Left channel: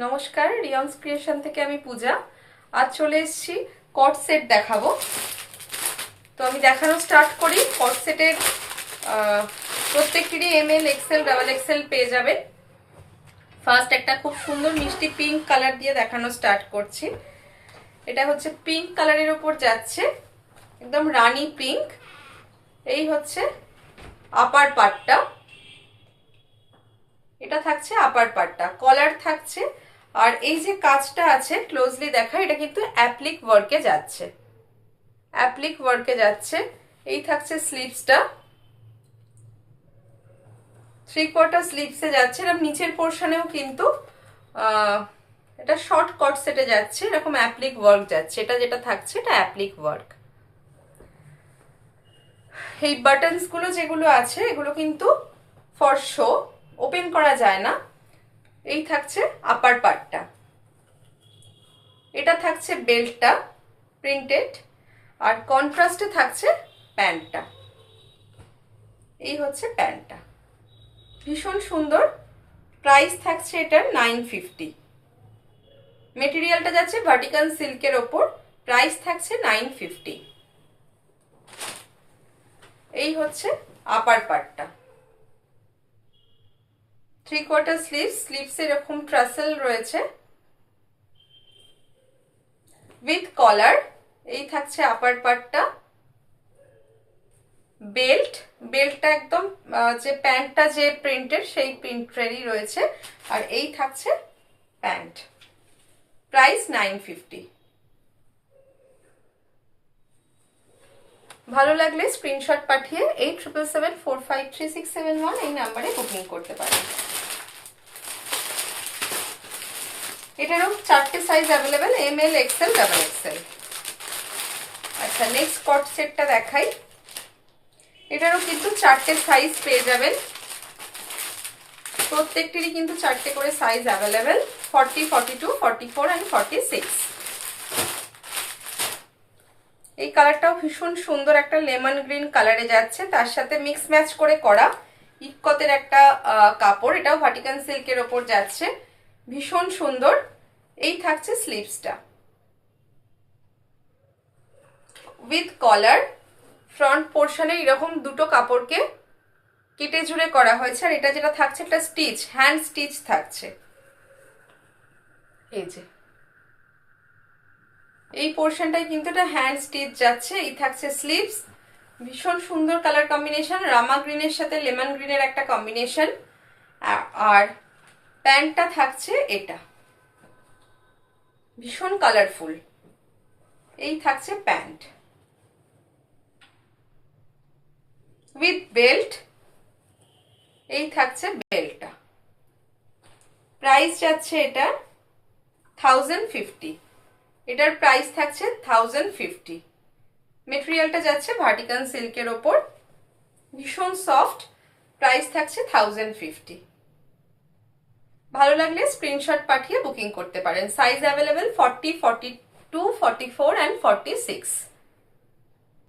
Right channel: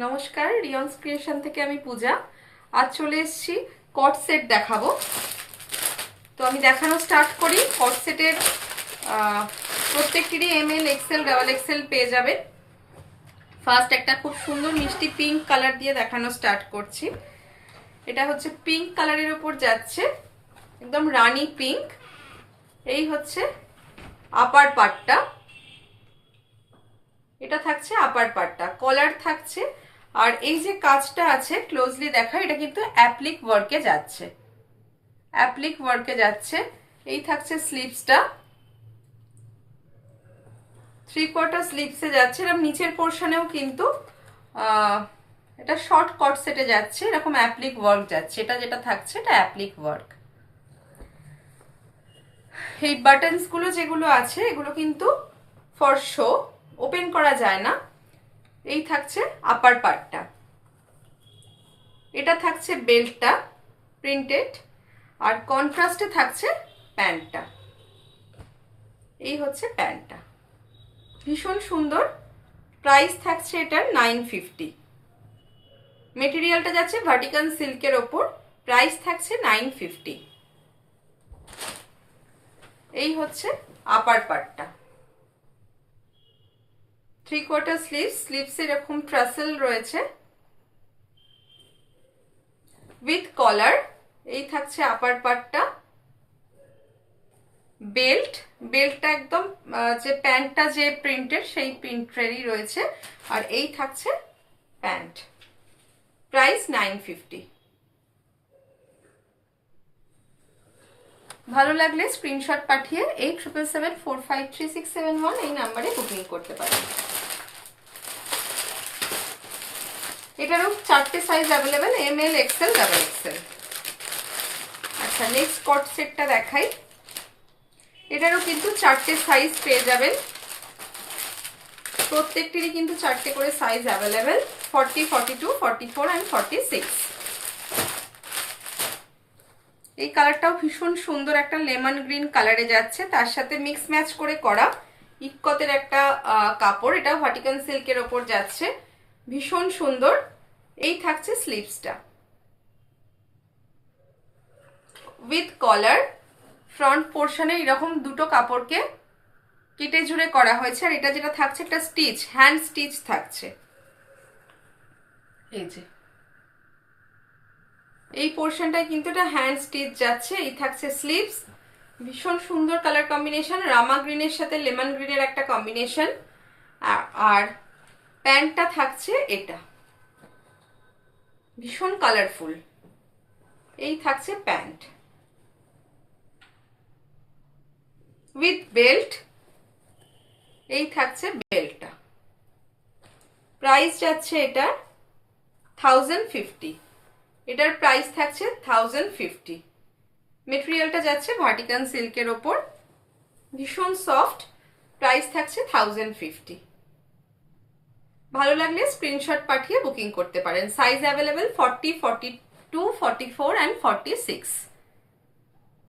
নমস্কার, রিয়ন্স ক্রিয়েশন থেকে আমি পূজা। আজ চলে এসেছি কট সেট দেখাবো। তো আমি দেখানো স্টার্ট করি। কট সেটের প্রত্যেকটিরই এমএল, এক্সেল, ডাবল এক্সেল পেয়ে যাবেন। ফার্স্ট একটা খুব সুন্দর মিষ্টি পিঙ্ক কালার দিয়ে দেখানো স্টার্ট করছি। এটা হচ্ছে পিঙ্ক কালারের উপর যাচ্ছে, একদম রানী পিঙ্ক। এই হচ্ছে আপার পার্টটা, এটা থাকছে আপার পার্টটা, কলার থাকছে। আর এই যে কাজটা আছে ক্লোজলি দেখা, এটা কিন্তু অ্যাপ্লিক ওয়ার্কে যাচ্ছে, অ্যাপ্লিক ওয়ার্কে যাচ্ছে। এই থাকছে স্লিভসটা, 3/4 স্লিভসে যাচ্ছে। এরকম নিচের পোর্শনেও কিন্তু এটা শর্ট কট সেটে যাচ্ছে, এরকম অ্যাপ্লিক ওয়ার্ক যাচ্ছে। এটা যেটা থাকছে এটা অ্যাপ্লিক ওয়ার্ক। এই বাটনস গুলো যেগুলো আছে এগুলো কিন্তু ফর শো, ওপেন করা যায় না। এই থাকছে আপার পার্টটা, এটা থাকছে বেল্টটা প্রিন্টেড, আর কন্ট্রাস্টে থাকছে প্যান্টটা। এই হচ্ছে প্যান্টটা, ভীষণ সুন্দর। প্রাইস থাকছে এটার 950। মেটেরিয়ালটা যাচ্ছে ভার্টিকাল সিল্কের ওপর, প্রাইস থাকছে 950। এই হচ্ছে আপার পার্টটা, 3/4 স্লিভস, স্লিভস এরকম ট্রাসেল রয়েছে উইথ কলার। এই থাকছে আপার পার্টটা। বেল্ট, বেল্টটা একদম যে প্যান্টটা যে প্রিন্টেড সেই প্রিন্টেরই রয়েছে। আর এই থাকছে প্যান্ট, প্রাইস 950। ভালো লাগলে স্ক্রিনশট পাঠিয়ে 8777453671 এই নাম্বারে বুকিং করতে পারেন। এটারও 4টে size available, M L, XL, double XL. আচ্ছা, নেক্সট কট সেটটা দেখাই। এটারও কিন্তু 4টে সাইজ পেয়ে যাবেন, প্রত্যেকটিরই কিন্তু 4টে করে সাইজ অ্যাভেলেবেল, 40, 42, 44 and 46। এই কালারটাও ভীষণ সুন্দর, একটা লেমন গ্রিন কালারে যাচ্ছে, তার সাথে মিক্স ম্যাচ করে করা ইক্কতের একটা কাপড়। এটাও ভার্টিকাল সিল্কের ওপর যাচ্ছে, ভীষণ সুন্দর। এই থাকছে স্লিভসটা উইথ কলার। ফ্রন্ট পোর্শনে এরকম দুটো কাপড়কে কেটে জুড়ে করা হয়েছে। আর এটা যেটা থাকছে একটা স্টিচ, হ্যান্ড স্টিচ থাকছে। এই যে এই পোর্শনটাই কিন্তু এটা হ্যান্ড স্টিচ যাচ্ছে। এই থাকছে স্লিভস, ভীষণ সুন্দর কালার কম্বিনেশন, রামা গ্রিনের সাথে লেমন গ্রিনের একটা কম্বিনেশন। আর প্যান্টটা থাকছে এটা, ভীষণ কালারফুল। এই থাকছে প্যান্ট উইথ বেল্ট। এই থাকছে বেল্টটা, প্রাইস যাচ্ছে এটা 1050। এটার প্রাইস থাকছে 1050। মেটেরিয়ালটা যাচ্ছে ভার্টিকাল সিল্কের ওপর, ভীষণ সফট, প্রাইস থাকছে 1050। ভালো লাগলে স্ক্রিনশট পাঠিয়ে বুকিং করতে পারেন। Size available 40, 42, 44 and 46।